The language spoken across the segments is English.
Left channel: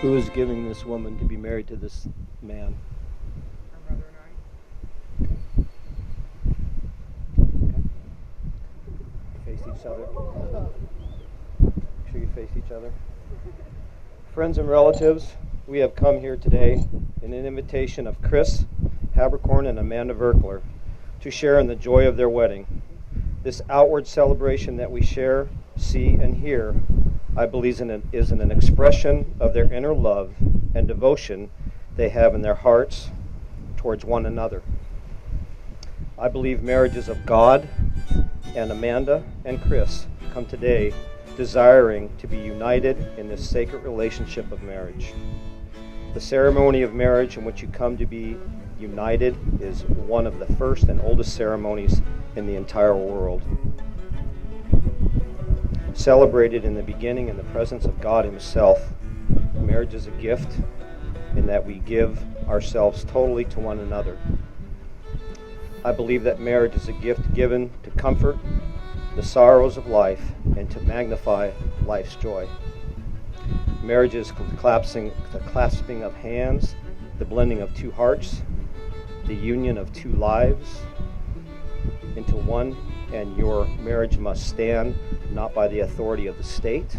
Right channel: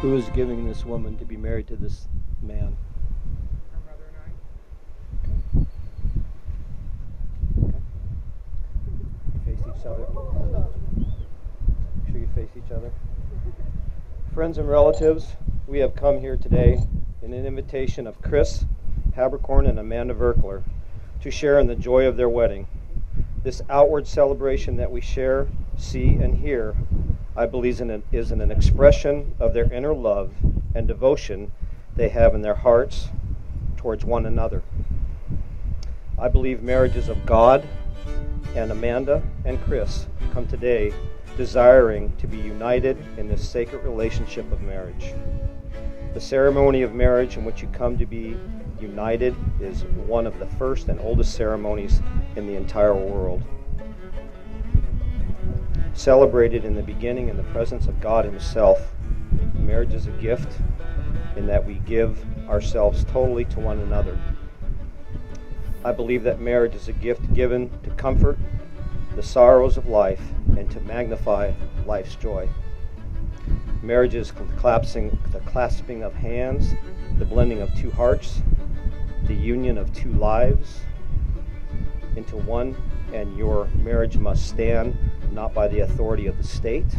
Who is giving this woman to be married to this man? Her mother and I. Okay. Face each other. Make sure you face each other. Friends and relatives, we have come here today in an invitation of Chris Haberkorn and Amanda Verkler to share in the joy of their wedding. This outward celebration that we share, see, and hear, I believe is an expression of their inner love and devotion they have in their hearts towards one another. I believe marriages of God and Amanda and Chris come today desiring to be united in this sacred relationship of marriage. The ceremony of marriage in which you come to be united is one of the first and oldest ceremonies in the entire world. Celebrated in the beginning in the presence of God Himself, marriage is a gift in that we give ourselves totally to one another. I believe that marriage is a gift given to comfort the sorrows of life and to magnify life's joy. Marriage is the clasping of hands, the blending of two hearts, the union of two lives into one, and your marriage must stand not by the authority of the state,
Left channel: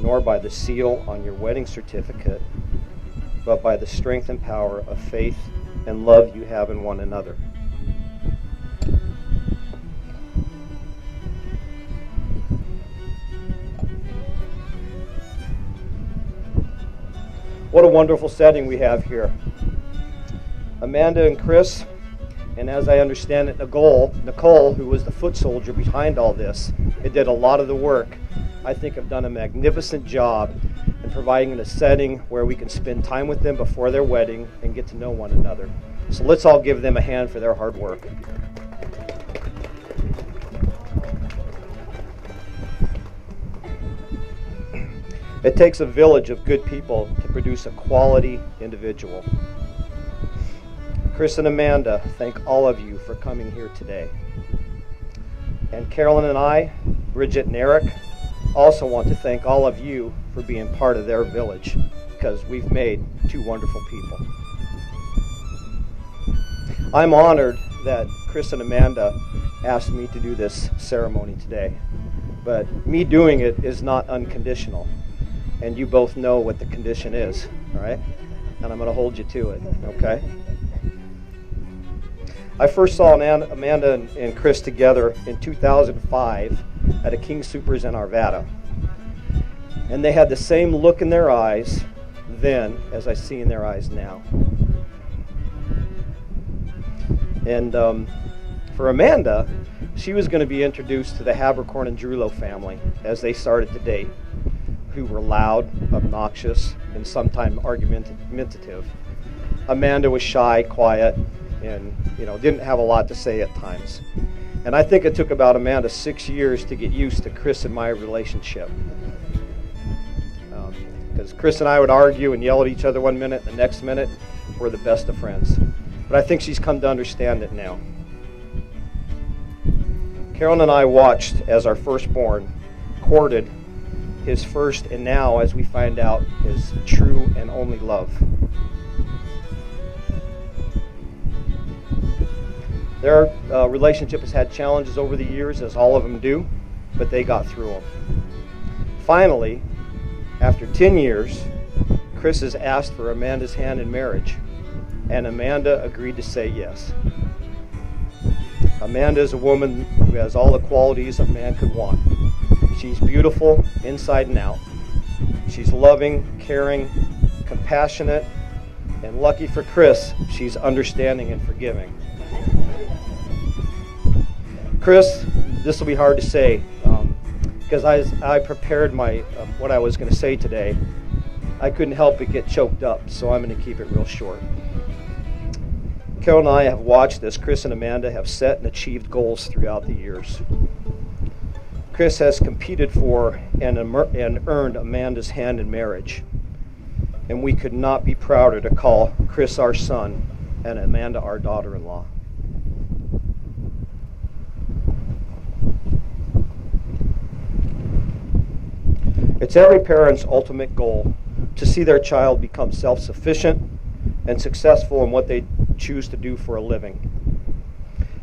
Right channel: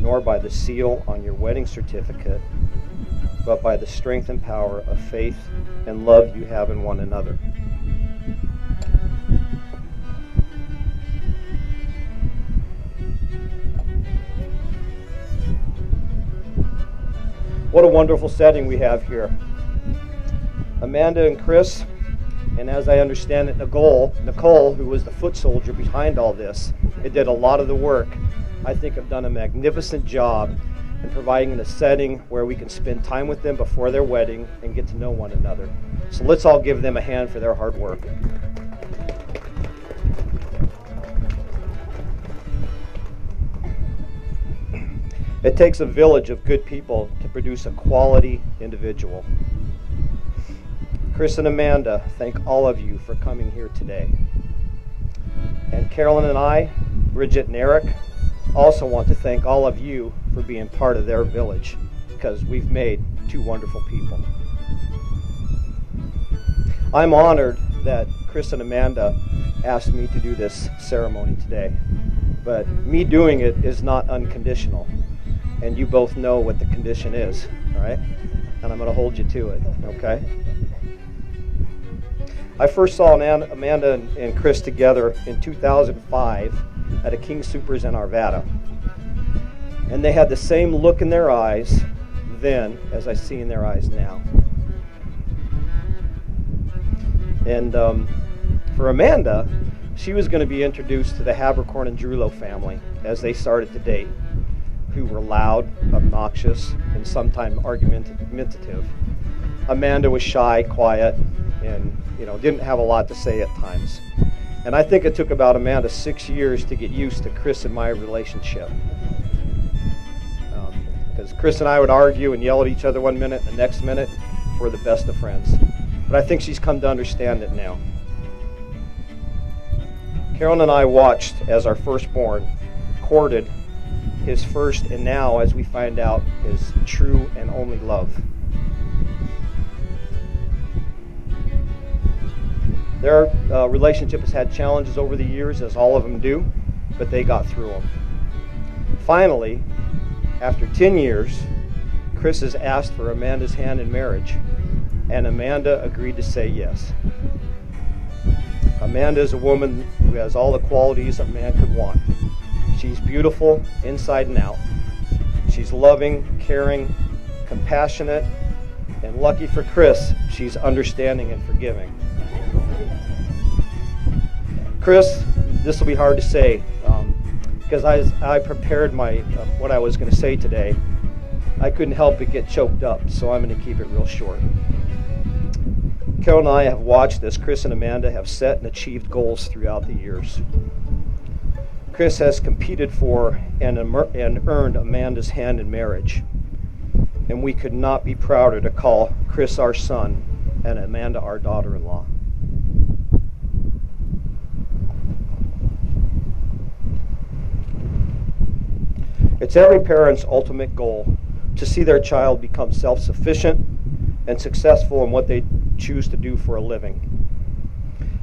nor by the seal on your wedding certificate, but by the strength and power of faith and love you have in one another. What a wonderful setting we have here. Amanda and Chris, and as I understand it, Nicole, who was the foot soldier behind all this, it did a lot of the work, I think have done a magnificent job in providing a setting where we can spend time with them before their wedding and get to know one another. So let's all give them a hand for their hard work. It takes a village of good people to produce a quality individual. Chris and Amanda, thank all of you for coming here today. And Carolyn and I, Bridget and Eric, also want to thank all of you for being part of their village, because we've made two wonderful people. I'm honored that Chris and Amanda asked me to do this ceremony today, but me doing it is not unconditional. And you both know what the condition is, all right? And I'm going to hold you to it, okay? I first saw Amanda and Chris together in 2005 at a King Soopers in Arvada. And they had the same look in their eyes then as I see in their eyes now. And for Amanda, she was going to be introduced to the Haberkorn and Drulow family as they started to date, who were loud, obnoxious, and sometimes argumentative. Amanda was shy, quiet, and didn't have a lot to say at times. And I think it took about Amanda 6 years to get used to Chris and my relationship. Because Chris and I would argue and yell at each other one minute, the next minute we're the best of friends. But I think she's come to understand it now. Carolyn and I watched as our firstborn courted his first, and now, as we find out, his true and only love. Their relationship has had challenges over the years, as all of them do, but they got through them. Finally, after 10 years, Chris has asked for Amanda's hand in marriage, and Amanda agreed to say yes. Amanda is a woman who has all the qualities a man could want. She's beautiful inside and out. She's loving, caring, compassionate, and lucky for Chris, she's understanding and forgiving. Chris, this will be hard to say because as I prepared my what I was going to say today, I couldn't help but get choked up, so I'm going to keep it real short. Carol and I have watched as Chris and Amanda have set and achieved goals throughout the years. Chris has competed for and earned Amanda's hand in marriage, and we could not be prouder to call Chris our son and Amanda our daughter-in-law. It's every parent's ultimate goal to see their child become self-sufficient and successful in what they choose to do for a living,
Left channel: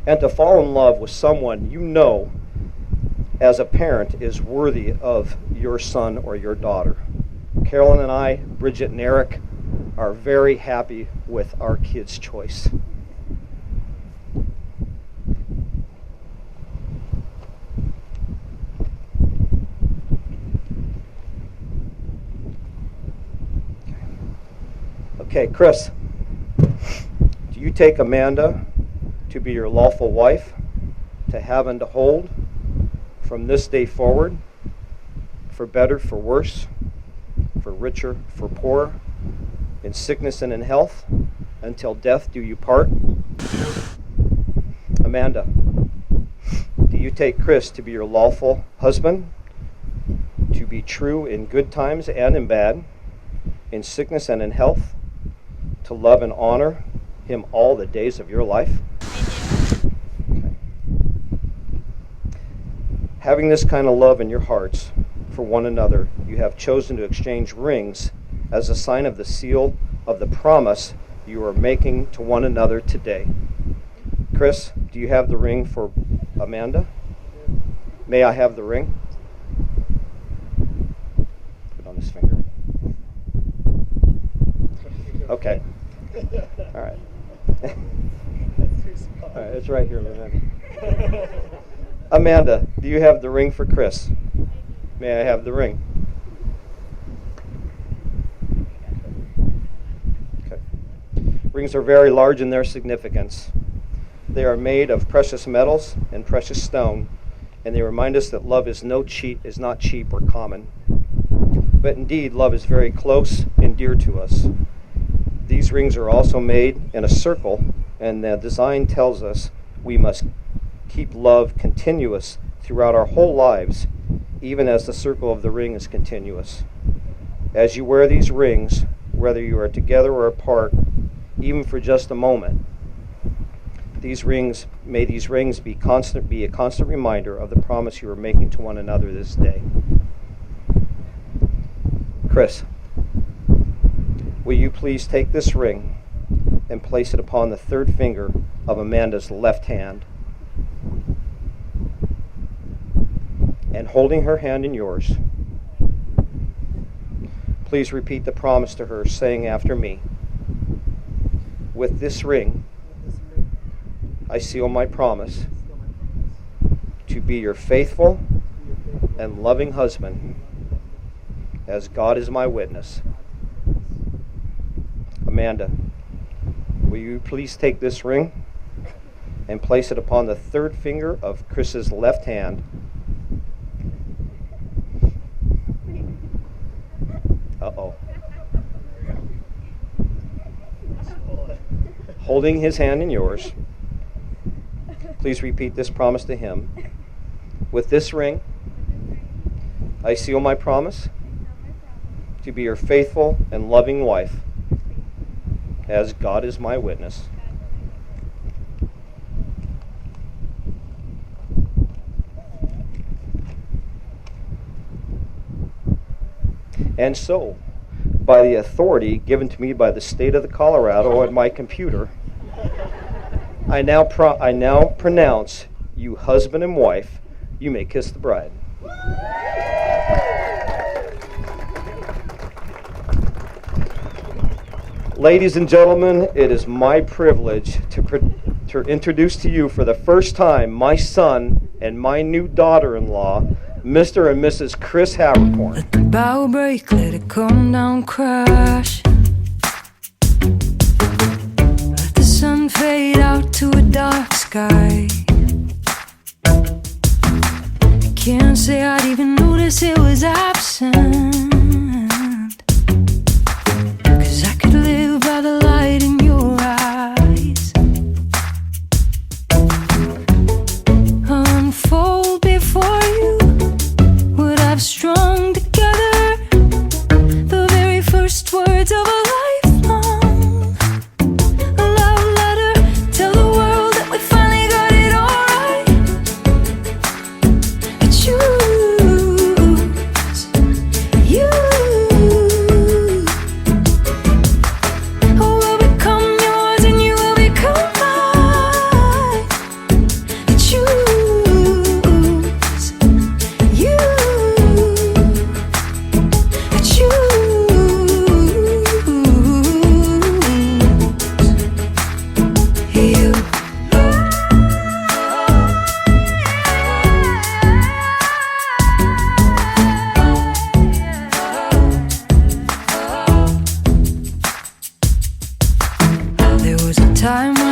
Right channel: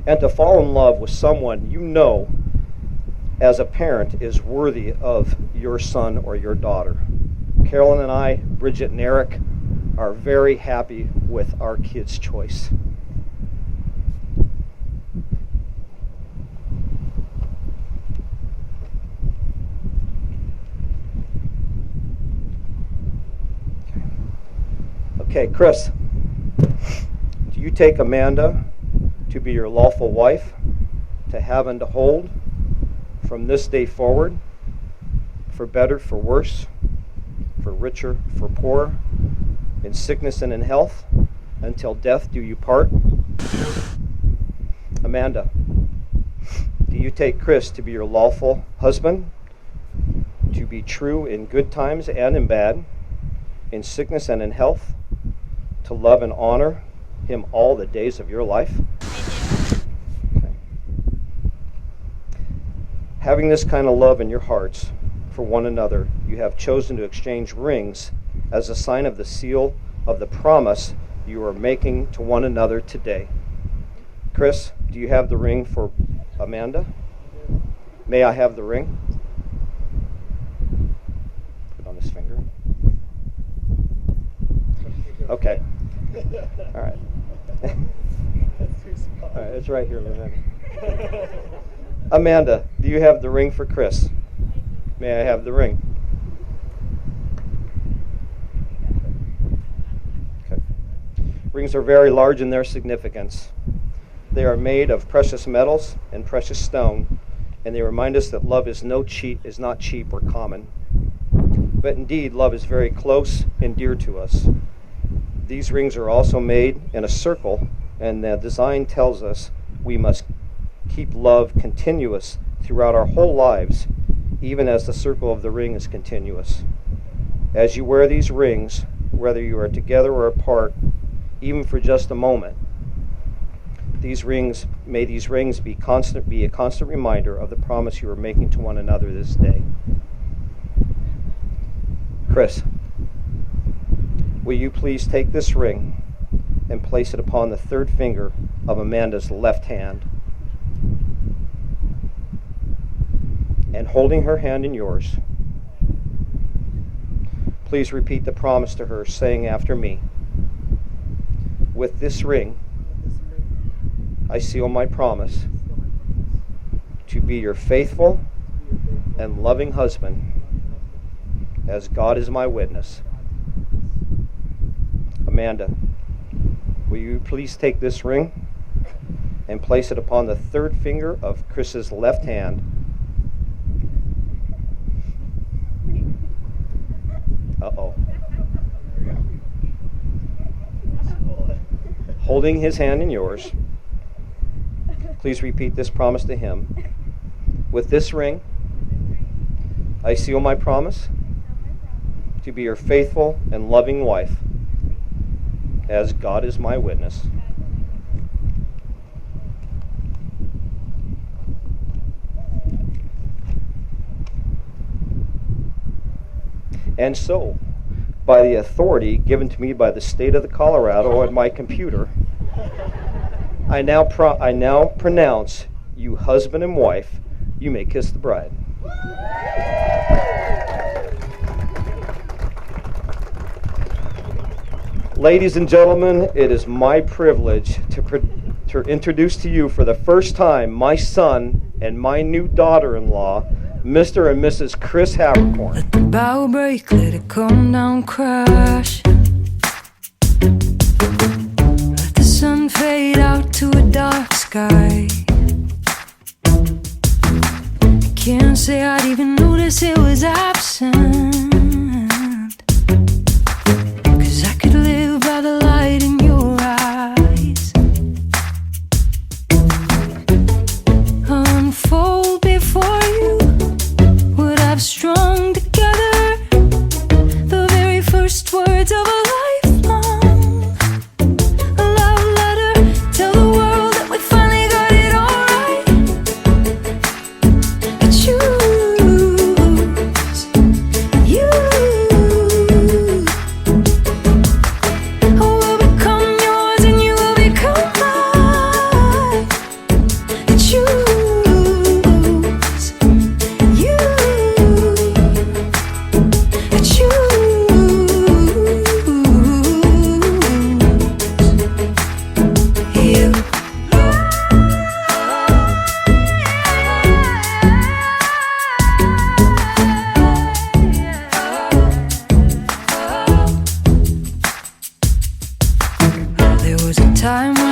and to fall in love with someone you know as a parent is worthy of your son or your daughter. Carolyn and I, Bridget and Eric, are very happy with our kids' choice. Okay, Chris, do you take Amanda to be your lawful wife, to have and to hold, from this day forward, for better, for worse, for richer, for poorer, in sickness and in health, until death do you part? Amanda, do you take Chris to be your lawful husband, to be true in good times and in bad, in sickness and in health, to love and honor him all the days of your life? Okay. Having this kind of love in your hearts for one another, you have chosen to exchange rings as a sign of the seal of the promise you are making to one another today. Chris, do you have the ring for Amanda? May I have the ring? Put it on his finger. Okay. All right. All right, it's right here, Lynette. Amanda, do you have the ring for Chris? May I have the ring? Okay. Rings are very large in their significance. They are made of precious metals and precious stone, and they remind us that love is not cheap or common. But indeed, love is very close and dear to us. These rings are also made in a circle, and the design tells us we must keep love continuous throughout our whole lives, even as the circle of the ring is continuous. As you wear these rings, whether you are together or apart, even for just a moment, may these rings be a constant reminder of the promise you are making to one another this day. Chris, will you please take this ring and place it upon the third finger of Amanda's left hand, and holding her hand in yours, please repeat the promise to her, saying after me, with this ring, I seal my promise to be your faithful and loving husband, as God is my witness. Amanda, will you please take this ring and place it upon the third finger of Chris's left hand, holding his hand in yours. Please repeat this promise to him. With this ring, I seal my promise to be your faithful and loving wife, as God is my witness. And so, by the authority given to me by the state of Colorado and my computer, I now pronounce you husband and wife. You may kiss the bride. Ladies and gentlemen, it is my privilege to introduce to you for the first time my son and my new daughter-in-law, Mr. and Mrs. Chris Haberkorn. Let the bow break, let it come down crash. Let the sun fade out to a dark sky. I can't say I'd even notice it was absent, 'cause I could live by the light in your eyes. Unfold before you what I've strung together, the very first words of a lifelong love letter. Tell the world that we finally got it all right. I choose you. time